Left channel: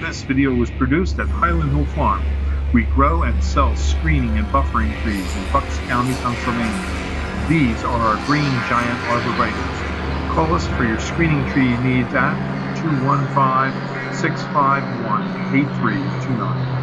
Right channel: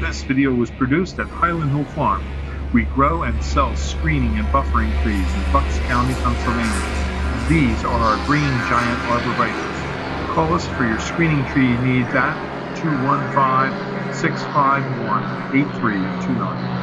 This video was produced at Highland Hill Farm. We grow and sell screening and buffering trees in Bucks County, Pennsylvania. These are our green giant arborvitaes. Call us for your screening tree needs at 215-651-8329.